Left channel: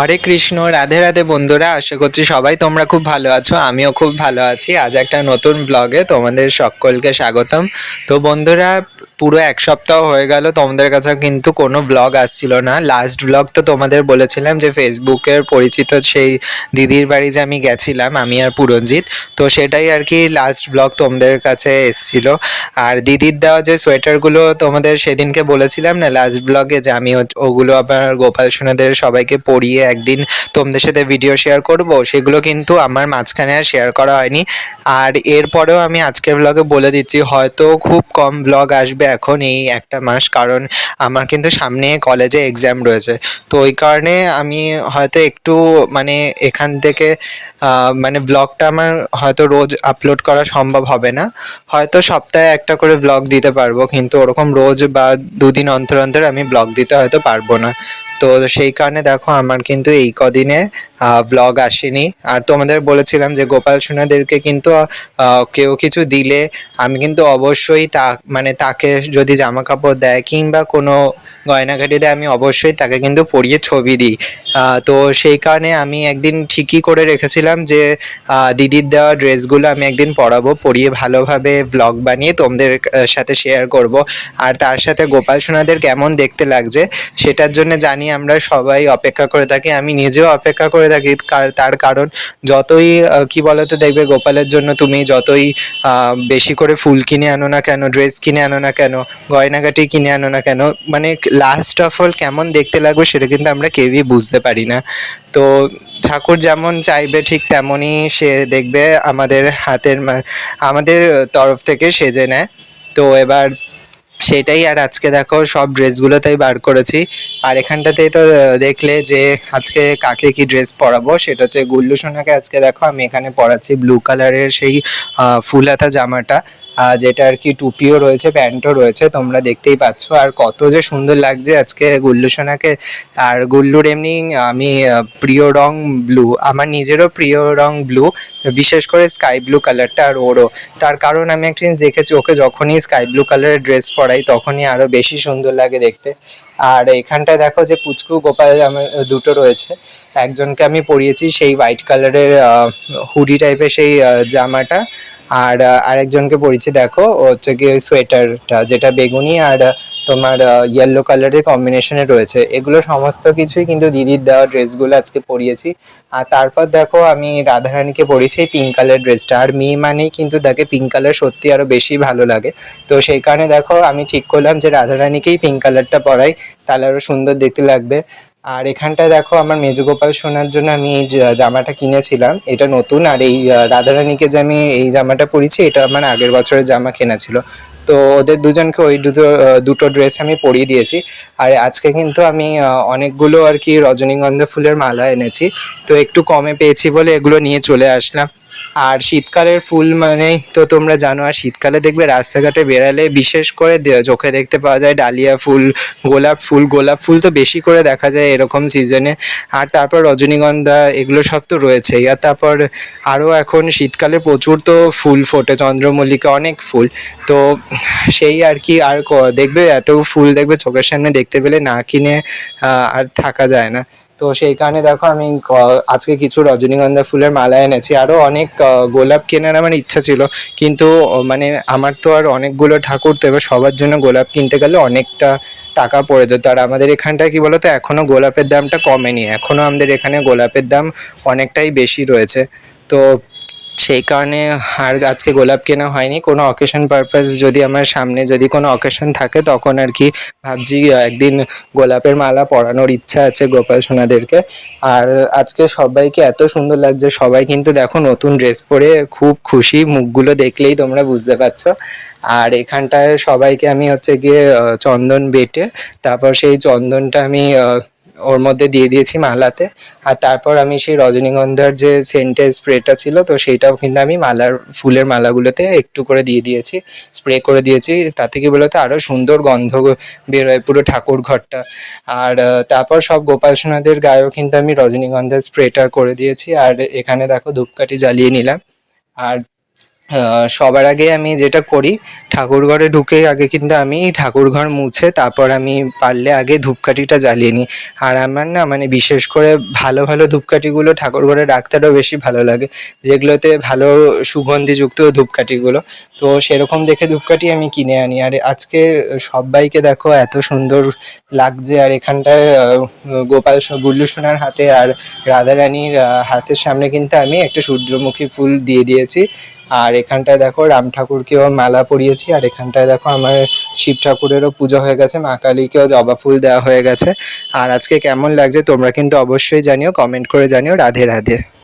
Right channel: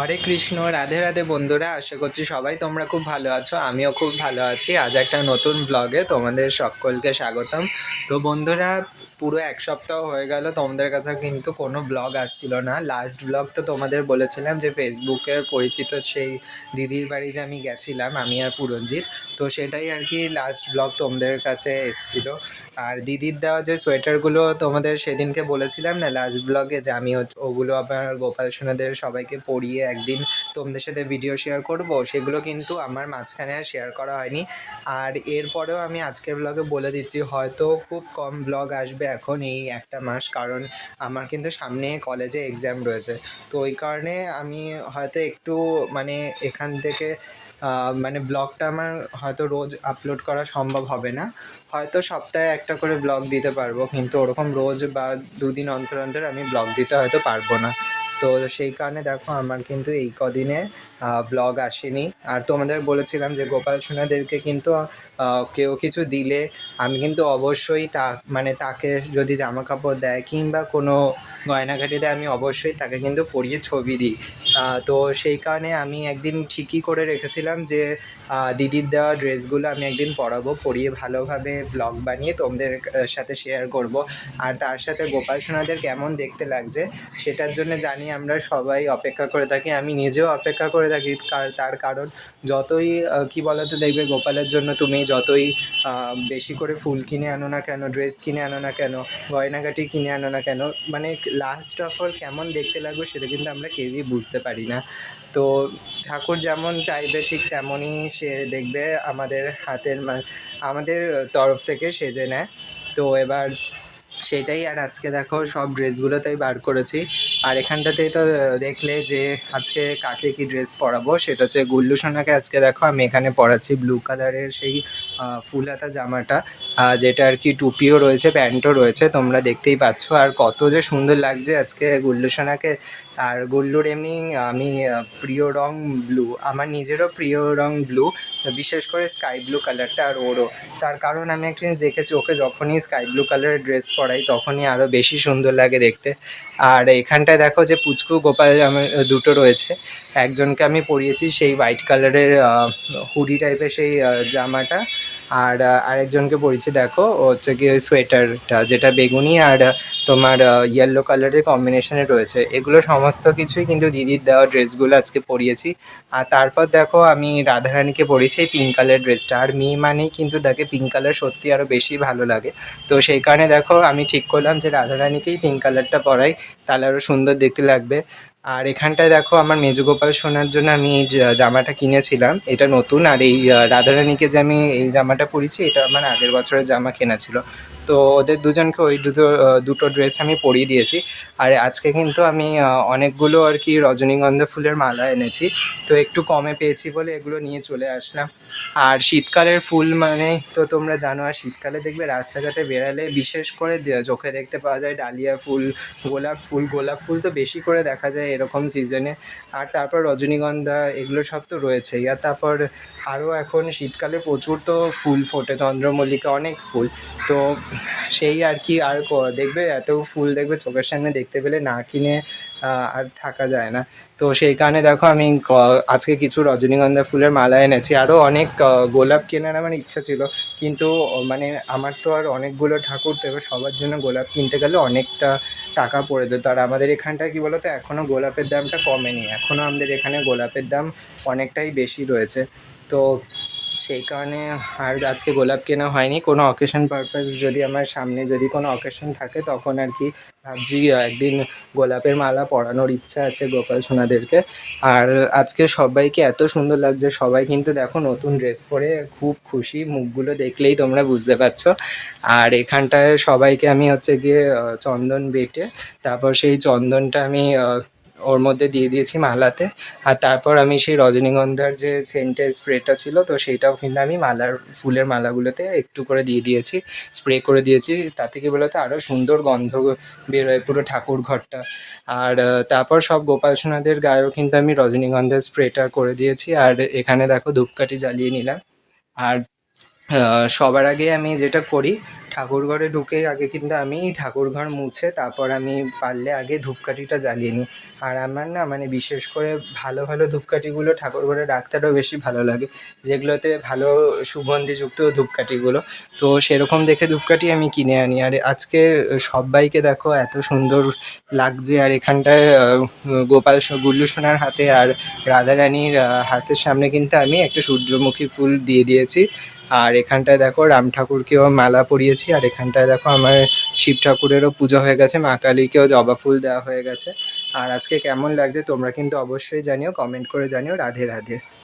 হরে কৃষ্ণ, রাধে রাধে বন্ধুরা, আশা করছি সবাই তোমরা খুব ভালো আছো, আমিও খুব ভালো আছি। আজ একটা নতুন ব্লগে তোমাদের সকলকে স্বাগতম। তো বন্ধুরা, পুরো এক সপ্তাহ হয়ে গেল, তোমাদের কাছে কিন্তু কোনো ব্লগ আসছিল না। লাস্ট ব্লগ তো তোমাদের বলেছিলাম যে ফেসবুকের পরিচিত সেই দিদির বাড়ি যে আমি গেছিলাম, আমি আর পুরঞ্জিত তো সেটাই আর কি লাস্ট ব্লগ তোমাদের কাছে এসছিল। আর দিদির দেওয়া যে সোয়েটারগুলো তোমাদের সেদিনকে বলেছিলাম না লাস্ট ব্লগে যে আমি ওগুলো আবার গোপাল সোনাদের সবাইকে পরিয়ে একদিন তোমাদের সাথে ভিডিও শেয়ার করব, সেগুলো কিন্তু আমার মাঝখানে আর শেয়ার করা হয়নি। আর এরপরেও আমি আজকের ব্লগে বলে দিচ্ছি, হয়তো খুব কম ব্লগ আসবে এখন এই একটা মাস, কারণ আমার কিন্তু সামনে কলেজে এক্সাম রয়েছে। তো ওই কারণে আমি হয়তো একটু মানে এখান থেকে মানে ব্লগটা আমার হয়তো রোজ আপলোড করা সম্ভব হবে না। হয়তো সপ্তাহে একটা করে ব্লগ দিতে পারব, কিন্তু ওরকম রোজ বা দুদিন অন্তর অন্তর আমি ব্লগ দিতে হয়তো পারব না। তো সেই কারণে দেখো আমার কিন্তু এই কদিনে ব্লগ আসেনি। আর তোমাদের বলেছিলাম যে গোপাল সোনাদেরকে কিন্তু কেউ কিছু দিলে আমি কিন্তু অবশ্যই তা মানে তাকে যদি জামা কাপড় দেয় কিংবা কোনো গয়নাঘাটি দেয় আমি অবশ্যই তাকে কিন্তু পরিয়ে ছবি দিই। তো সেই কারণে আমি একদিন ঠিকই করে রেখেছিলাম যে দিদির দেওয়া ড্রেসগুলো আমি একদিন পরাবো, পরিয়ে ভালোভাবে ব্লগ বানিয়ে তোমাদের সাথে শেয়ার করব। আর তার সাথে গোপাল সোনাদের কেমন দেখতে লাগছে, সেটার জন্য জানি আমরা সবাই অপেক্ষা করে থাকি। আমি নিজেও অপেক্ষা করে থাকি তার কারণ যতই কি বলতো দেখবে গোপালের জন্য তুমি যতই বেশি করে ফুল কিনে আনো না কেন, ড্রেস কিনে আনো না কেন, গয়নাগাটি কিনে আনো না কেন মানে লাস্ট অফ অল কেমন দেখতে লাগবে সেটা কিন্তু আমরা কেউই বুঝতে পারি না। তো ঠাকুর যেমন চাইবে ঠিক তেমনই সে দেখবে আমাদের হাতের আমাদের তরফ থেকে সেজে নেয়। তো এবার সেটাই আর আজকে দেখো সব ড্রেসগুলো তাই বার করেছি। আর এখানটাতেই তো দেখলে যে আজকে কাকে কি ড্রেস পরাবো সেটা হচ্ছে গুল্লু সোনাকে আজকে দেখো আমি এখানে পরাচ্ছি ব্লু কালারের সেই ফুল হাতা জামাটা। যেটা আর কি টুপিও রয়েছে, প্যান্টও রয়েছে, তোমরা দেখতেই পাচ্ছ। আর কত যে সুন্দর লাগছে আজকে গুল্লু সোনাকে। আর গুল্লুর এমনি, আমি প্রিয় রং ব্লু। আমার নিজেরও প্রিয় রং ব্লু, বিশেষ করে স্কাই ব্লু কালারটা আর ওরও। তার কারণ আমি একটা জিনিস দেখেছি, ওকে যখনই স্কাই ব্লু কালারের ড্রেস পরাই, তখনই আরও বেশি সুন্দর লাগে দেখতে। আর এখানটায় দেখো যে পুচকু গোপাল আমার দুটো রয়েছে। একজনকে আমি পরিয়েছি সেই হোয়াইট কালারের হুডি টাইপের সেই জামাটা। আর আরেকজনকে পরিয়েছি দেখো হচ্ছে কি ওই সোয়েটারটা, যেটা বেগুনি আর তোমার ইয়েলো কালারের কম্বিনেশনে রয়েছে। এগুলো সমস্ত কিছুই কিন্তু দিদির দেওয়া ড্রেসগুলো আজকে পরিয়েছি। আর তারপর দেখো, আমি রাধারানীকে পরিয়েছি পিঙ্ক কালার ড্রেসটা। আর মেয়ে মানেই কিন্তু তাকে পিঙ্ক কালার সত্যি আরও বেশি ভালো লাগে। তো সেই কারণে দেখো, আমি ঠিক করলাম যে রাধারানীকেই পিঙ্ক কালারটা পরাই। তাহলে আরও সুন্দর দেখতে লাগবে। আর এখানটায় দেখো আমার মেজগোপাল শোনার জন্য আমি এই জামাটা কিনেছিলাম। এটা নতুন আর এই রাধারানীকে যে আমি এই জামাটা পরিছি এটা আমার আগের বছরের জামা কেনা ছিল। তো ওদের দুজনকে ওই দুটো দুটো ড্রেস আমি পরিয়ে দিয়েছি। আর আজকে কিন্তু আমি অনেকগুলো আর কি রজনীগন্ধা ফুলের মালা এনেছি। তো একটু কমে পেয়েছি বলে এগুলো নিয়ে চলে আসলাম। আর শীতকালের ফুল মানেই তো তোমরা জানো, আর শীতকালে দেখবে রাস্তাঘাটে বেরালে বিশেষ করে চোখে দেখতে পাওয়া যায় ডালিয়া ফুল, গোলাপ ফুল গোলাপ ফুল তো বেশি করে দেখা যায় এরকম সিজনে আর তারপর রজনীগন্ধা এগুলো সব তো রয়েছেই। আর তারপর আরও এখন শীতকালে প্রচুর তো ফুল ফোটে, চন্দ্রমল্লিকা অনেক ফুল। তো সেই আর কি, আর দেখবে এত ফুল দেখবে চোখের সামনে দেখতে পেলে না কিনে আর থাকা যায় না। তো সেই কারণে দেখো আমি আজকে কিছু রজনীগন্ধা ফুলের মালা এনেছি। আরও অনেক গোলাপ কেনার আমার ইচ্ছা ছিল। কিন্তু মানে আমার তো আর অনেকগুলো ঠাকুর তো এবার সবার জন্য গোলাপ কিনতে গেলে অনেকটা টাকা পড়ে যেত। আর আমাদের এখানটায় কি বলতো এখনও গোলাপের দামটা কমেনি। এখনও আমাদের এখানে গোলাপের দাম অনেকটাই বেশি রয়েছে। তো সেই কারণে আর আজকে গোলাপ কেনা হয়নি। কোনো অকেশন পারপাস যদি আমার সামনে যদি কোনো অকেশন থাকে, তখন আর কি ভাবছি একদিন গোলাপের মালা পরানোর ইচ্ছা আছে গোপাল সোনাদেরকে। আর আজকে সবাইকে এত সুন্দর লাগছে, সবাই কিন্তু দেখো নতুন ড্রেস পরে খুব খুশি, মুখগুলো দেখলেই তোমরা বুঝতে পারছ। আর এখানটায় সবাইকে আমি হচ্ছে গিয়ে চন্দন বেটে, তারপর সেই চন্দনটা আমি ওর মধ্যে দিয়ে দিয়েছি মালাতে। আর তারপর আমি সেই রজনীগন্ধার যে সেন্টের স্প্রেটা ছিল, তো সেইটাও কিন্তু আমি মালার, ফুলের মালাগুলোতে একটু করে দিয়ে দিয়েছি, স্প্রে করে দিয়েছি। তাতে কি বলতো আরও সুন্দর গন্ধ বেরোয় পুরো ঠাকুর ঘরটা। আর তারপর সব গোপাল সোনাদের গায়েও কিন্তু আমি রজনীগন্ধার স্প্রেটা করে দিয়েছি। আর এখানে দেখো ধূপকাঠি জ্বালিয়ে নিলাম। আর সবার আগে আমি যেটা করি ঠাকুর ঘরে ঢুকে আগে কিন্তু আমি ঠাকুর ঘর মুছে তারপর আমি পারলে আগে ধূপকাঠিটা জ্বালিয়ে নিই। আর আমার না মানে বিশেষ করে ভালো ভালো ধূপকাঠিগুলো ঠাকুর ঘরে রাখতে বেশি ভালো লাগে। যেগুলোতে ভালো সুগন্ধিযুক্ত ধূপকাঠিগুলো। তো সেরকম দেখে ধূপকাঠি আমি কিনে আনি। আর আজকে সবাইকে দেখো এত সুন্দর লাগছে। আর এখানটায় গোপাল গুল্লু সোনার হাতে আর রাধারানীর হাতের সামনে কিন্তু আমি একটা সূর্যমুখী ফুল দিয়ে দিয়েছি। আর এখানটায় দেখো রাম ঠাকুরকেও মালা পরিয়েছি, আর এখানটায় দেখো আমার শিব ঠাকুরেরও পুজো হয়ে গেছে, মা কালীকেও জবা ফুল দেওয়া হয়ে গেছে। আর আজকে কেমন লাগছে তোমরা কিন্তু অবশ্যই জানিও কমেন্ট করে জানিও। রাধে রাধে।